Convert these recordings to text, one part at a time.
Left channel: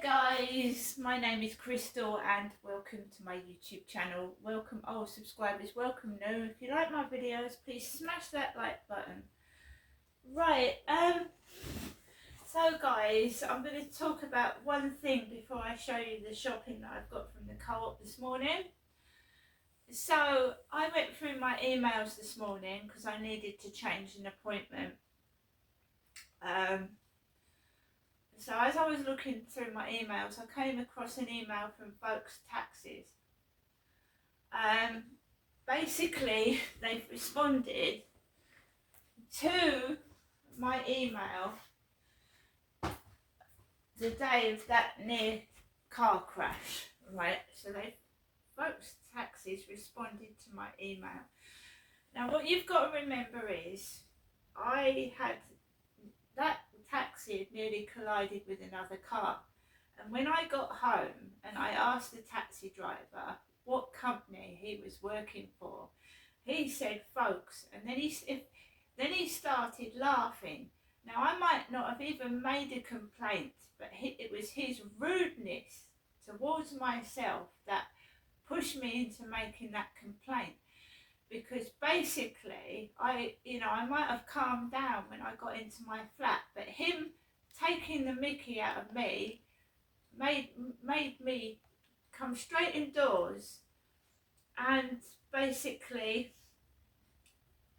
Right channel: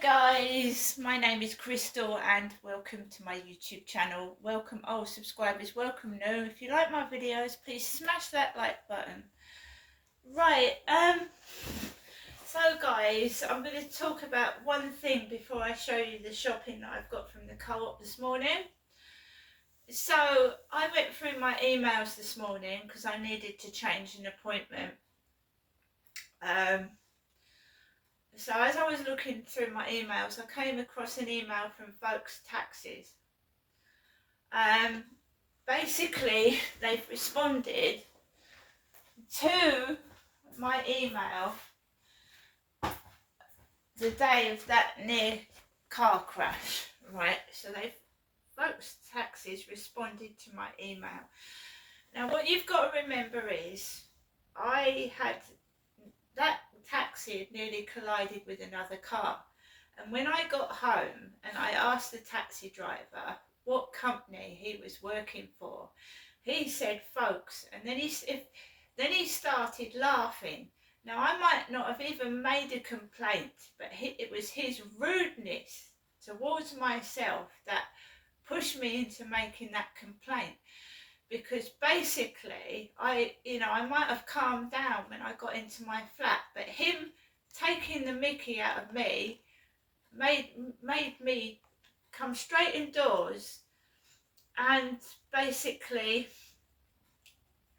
guys, my name is Crystal and welcome to my YouTube channel. Welcome old subscribers, welcome new. If you like my videos, please smash that like button. Right, so guys, I'm going to talk about one thing before I show you the shopping that I've got from the co-op this morning. So I went through my emails this morning because I needed to change an appointment. So as I was looking through my emails, I came across an email from Folks Taxis. Basically, they've responded to my email the day of that near car crash, right? So Folks Taxis responded to my email. Now what you've got to remember is I had that taxi had nearly collided with another car, and when I got home and I asked the taxi driver what company he was working for, he said Folks, and then he started laughing. Now I might not have even made a complaint, but it was his rudeness towards myself that pushed me into making that complaint. Because basically, I might have calmed down when I got into my flat, but him taking the mickey out of me made me come straight indoors and basically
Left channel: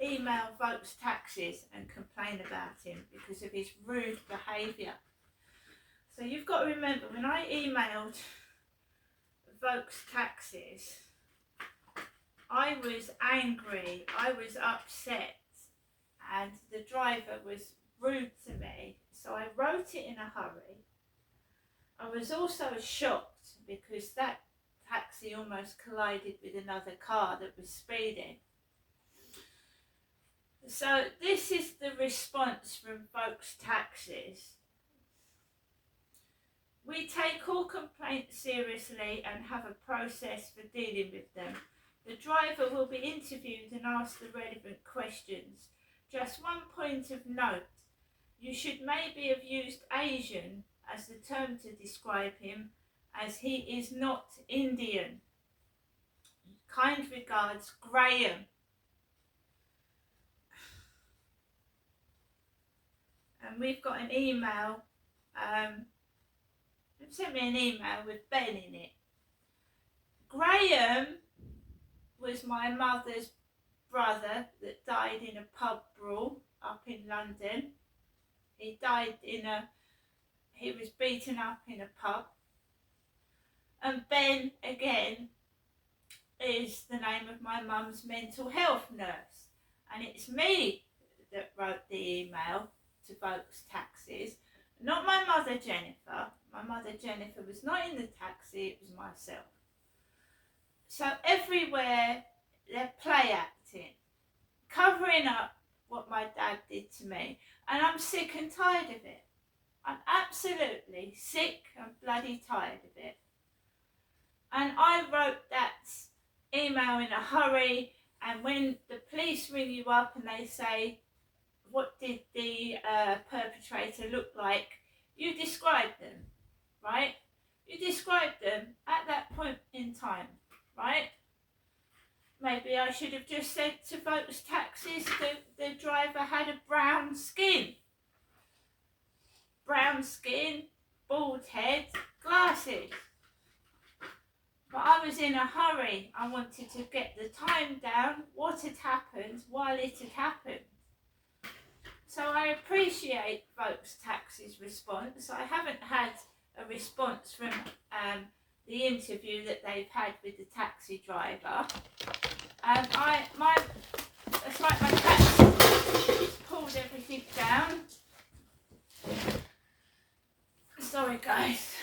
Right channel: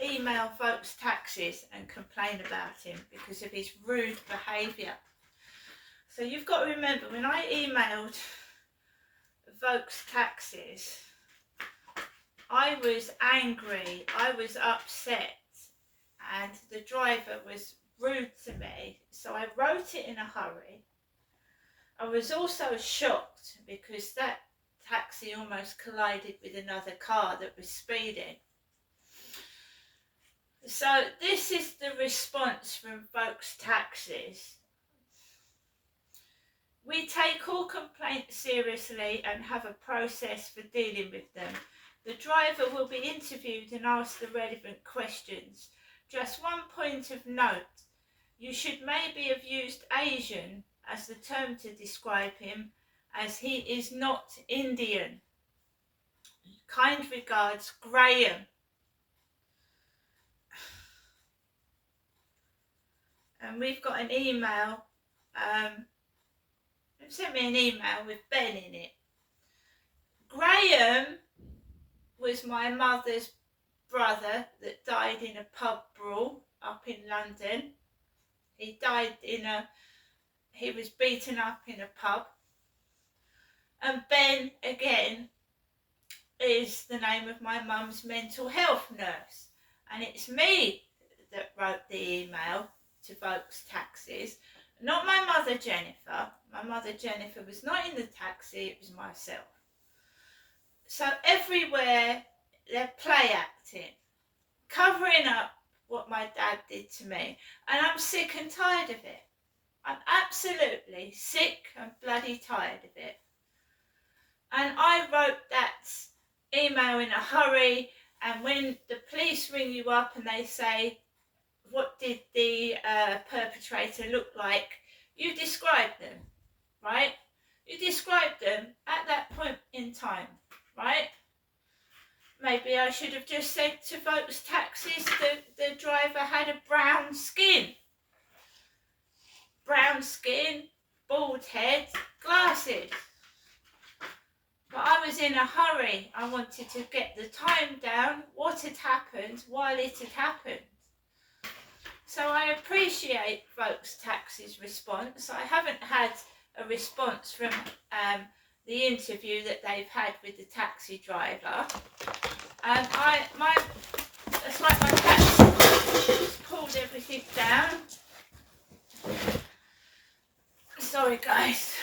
email Folks Taxis and complain about him because of his rude behaviour. So you've got to remember, when I emailed Folks Taxis, I was angry, I was upset, and the driver was rude to me, so I wrote it in a hurry. I was also shocked because that taxi almost collided with another car that was speeding. So this is the response from Folks Taxis. We take all complaints seriously and have a process for dealing with them. The driver will be interviewed and asked the relevant questions. Just one point of note, you should maybe have used Asian as the term to describe him, as he is not Indian. Kind regards, Graham. And we've got an email, they've sent me an email with Ben in it. Graham was my mother's brother that died in a pub brawl up in London. He was beaten up in a pub. And Ben, again, is the name of my mum's mental health nurse. And it's me that wrote the email to Folks Taxis, not my mother Jennifer. My mother Jennifer was not in the taxi, it was myself. So everywhere they're play acting, covering up what my dad did to me. And I'm sick and tired of it. I'm absolutely sick and bloody tired of it. And I wrote that email in a hurry, and when the police ring you up and they say, what did the perpetrator look like, you describe them, right? You describe them at that point in time. Right? Maybe I should have just said to Folks Taxis that the driver had a brown skin. Brown skin, bald head, glasses. But I was in a hurry. I wanted to get the time down, what had happened, while it had happened. So I appreciate Folks Taxis' response. I haven't had a response from the interview that they've had with the taxi driver. It's like my cat pulled everything down. Sorry guys.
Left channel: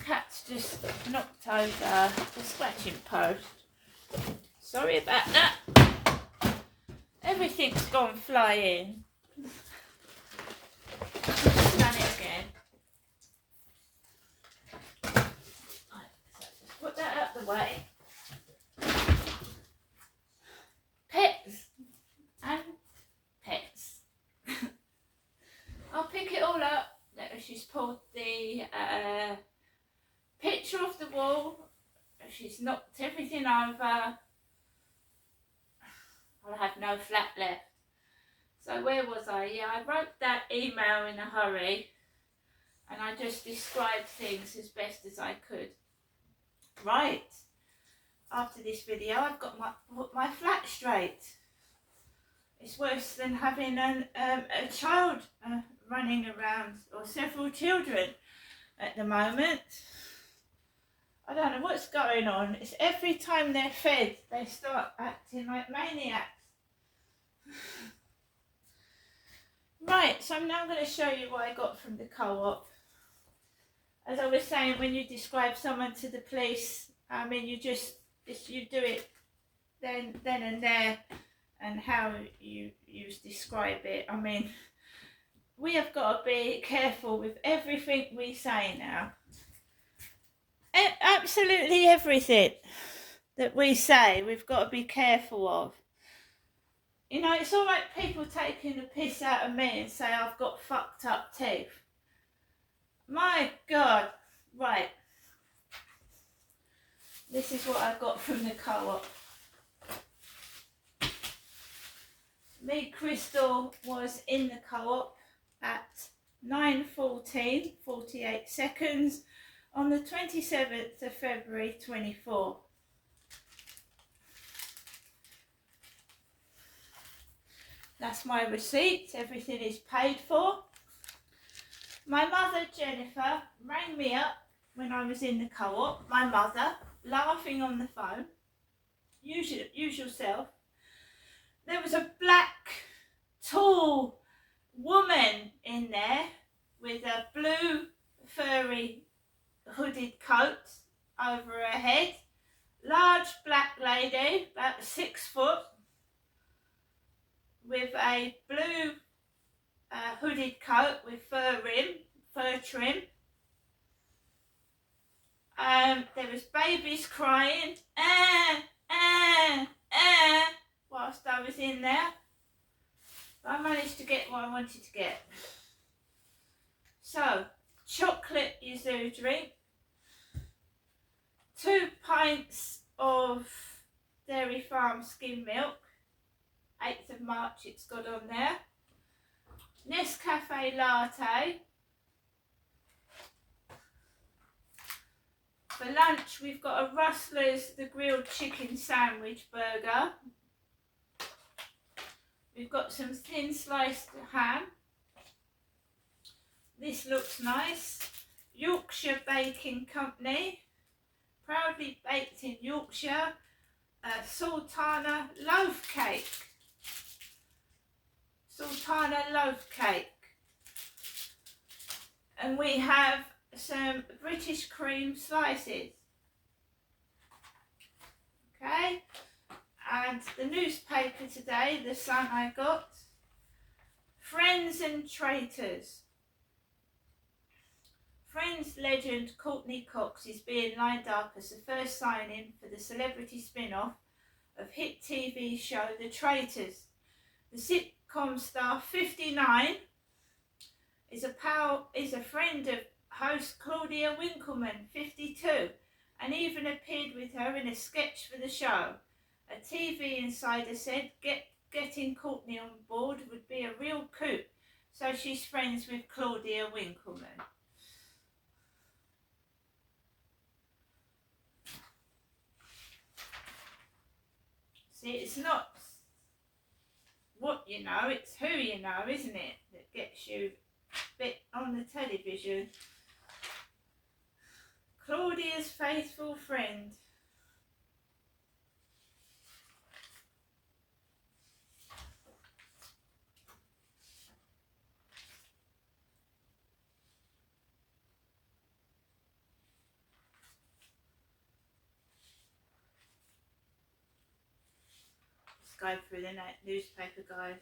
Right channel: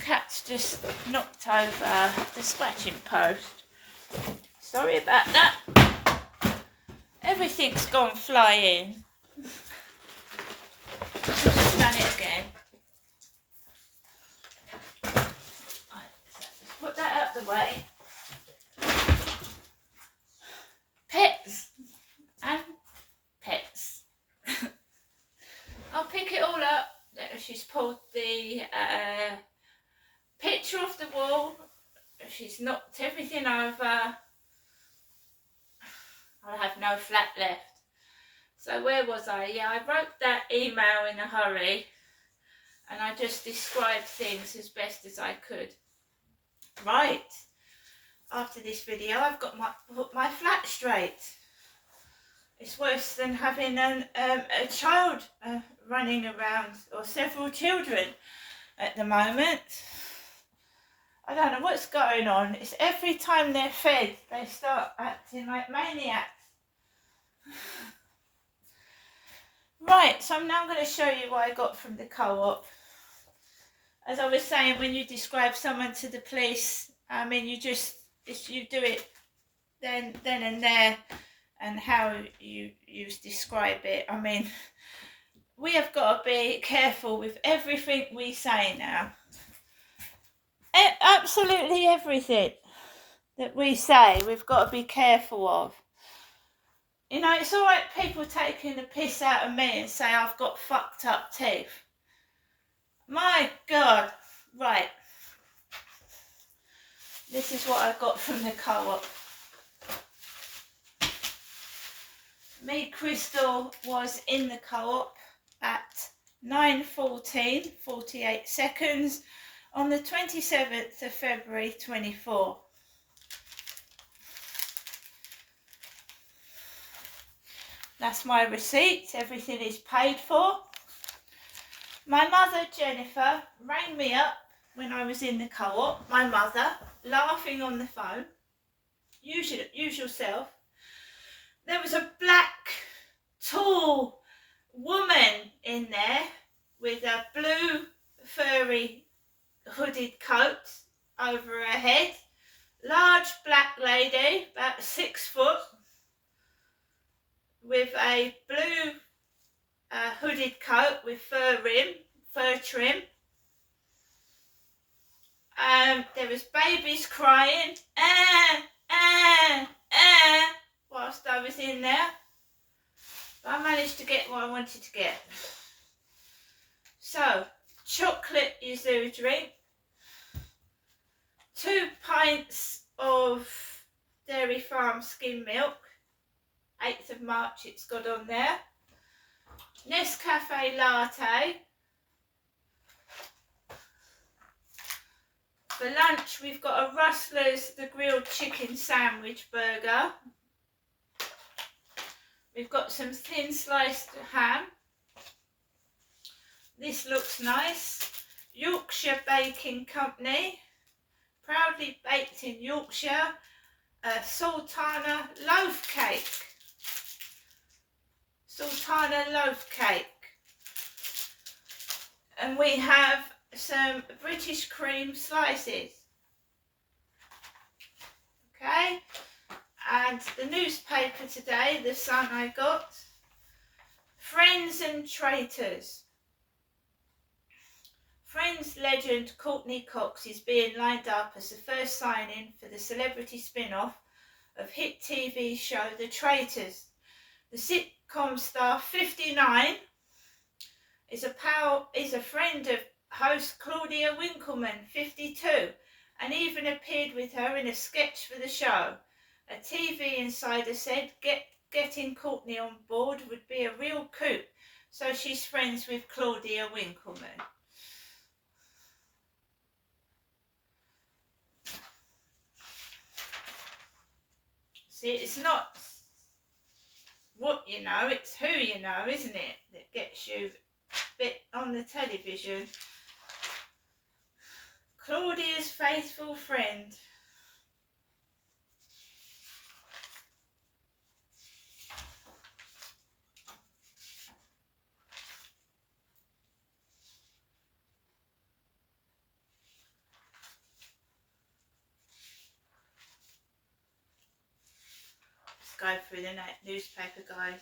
Cat's just knocked over the scratching post. Sorry about that. Everything's gone flying. I've done it again. Put that out the way. Pets and pets. I'll pick it all up. She's pulled a picture off the wall. She's knocked everything over. I have no flat left. So where was I? Yeah, I wrote that email in a hurry and I just described things as best as I could. Right, after this video I've got put my flat straight. It's worse than having a child running around, or several children at the moment. I don't know what's going on. It's every time they're fed, they start acting like maniacs. Right, so I'm now going to show you what I got from the co-op. As I was saying, when you describe someone to the police, I mean, you do it then and there, and how you describe it. I mean, we have got to be careful with everything we say now. Absolutely everything that we say, we've got to be careful of. You know, it's all right people taking the piss out of me and say I've got fucked up teeth. My God. Right. This is what I got from the co-op. Me, Crystal, was in the co-op at 9:14, 48 seconds on the 27th of February 24. That's my receipt. Everything is paid for. My mother, Jennifer, rang me up when I was in the co-op. My mother, laughing on the phone. Usual self. There was a black, tall woman in there with a blue, furry, hooded coat over her head. Large black lady, about 6 foot, with a blue hooded coat with fur trim. There was babies crying, whilst I was in there. But I managed to get what I wanted to get. So, chocolate yuzu drink, 2 pints of Dairy Farm skim milk, 8th of March it's got on there. Nescafe latte. For lunch we've got a Rustler's the grilled chicken sandwich burger. We've got some thin sliced ham. This looks nice. Yorkshire Baking Company, proudly baked in Yorkshire, Sultana loaf cake. Sultana loaf cake. And we have some British cream slices. Okay, and the newspaper today, The Sun, I got Friends and Traitors. Friends legend Courtney Cox is being lined up as the first signing for the celebrity spin-off of hit TV show The Traitors. The sitcom star, 59, is a friend of host Claudia Winkleman, 52, and even appeared with her in a sketch for the show. A TV insider said getting Courtney on board would be a real coup, so she's friends with Claudia Winkleman. See, it's not what you know, it's who you know, isn't it, that gets you a bit on the television. Claudia's faithful friend. Let's go through the newspaper, guys.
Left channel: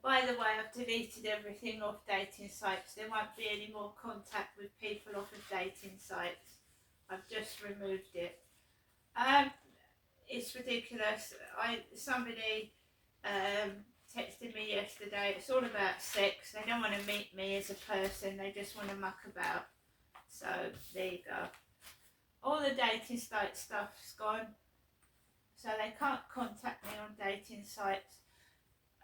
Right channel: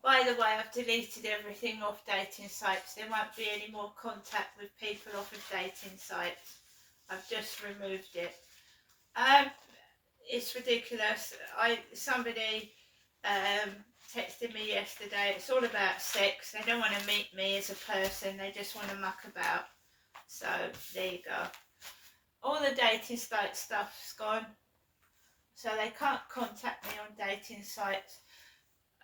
By the way, I've deleted everything off dating sites. There won't be any more contact with people off of dating sites. I've just removed it. it's ridiculous. Somebody texted me yesterday. It's all about sex. They don't want to meet me as a person. They just want to muck about. So there you go. All the dating site stuff's gone. So they can't contact me on dating sites.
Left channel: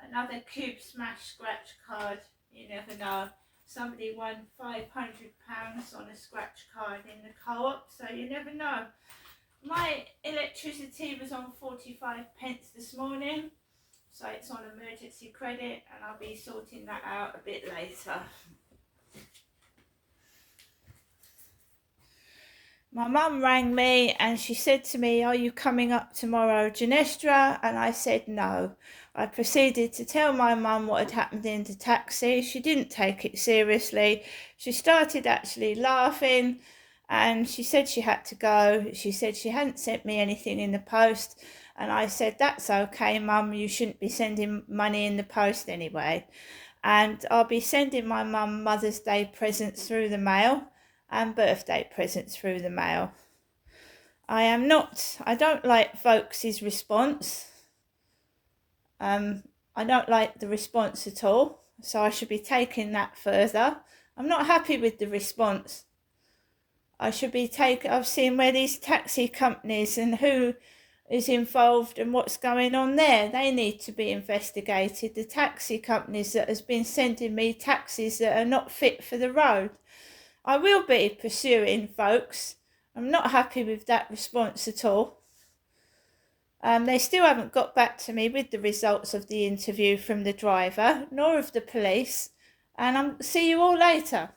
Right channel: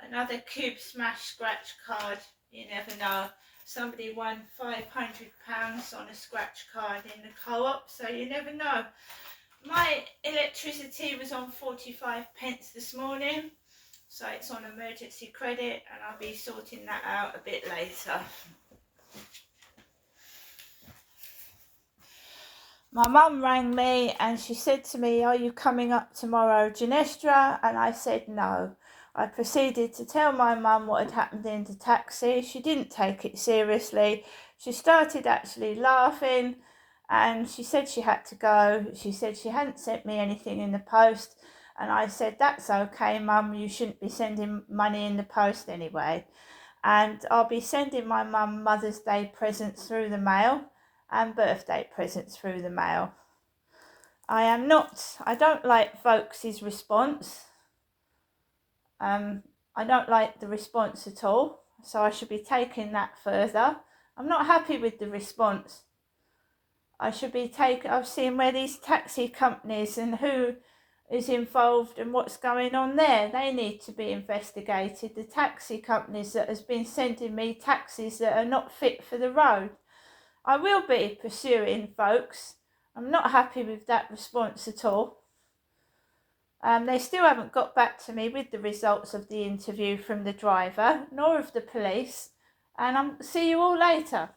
Another Cube Smash scratch card. You never know. Somebody won £500 on a scratch card in the co-op. So you never know. My electricity was on 45p this morning, so it's on emergency credit, and I'll be sorting that out a bit later. My mum rang me and she said to me, "Are you coming up tomorrow, Genestra?" And I said no. I proceeded to tell my mum what had happened in the taxi. She didn't take it seriously. She started actually laughing. And she said she had to go. She said she hadn't sent me anything in the post. And I said, "That's okay, Mum. You shouldn't be sending money in the post anyway." And I'll be sending my mum Mother's Day presents through the mail and birthday presents through the mail. I don't like folks' response. I don't like the response at all. So I should be taking that further. I'm not happy with the response. I've seen where these taxi companies and who is involved and what's going on there. They need to be investigated. The taxi companies that has been sending me taxis that are not fit for the road. I will be pursuing folks. I'm not happy with that response at all. They still haven't got back to me with the results of the interview from the driver, nor of the police. And I'll see you all later.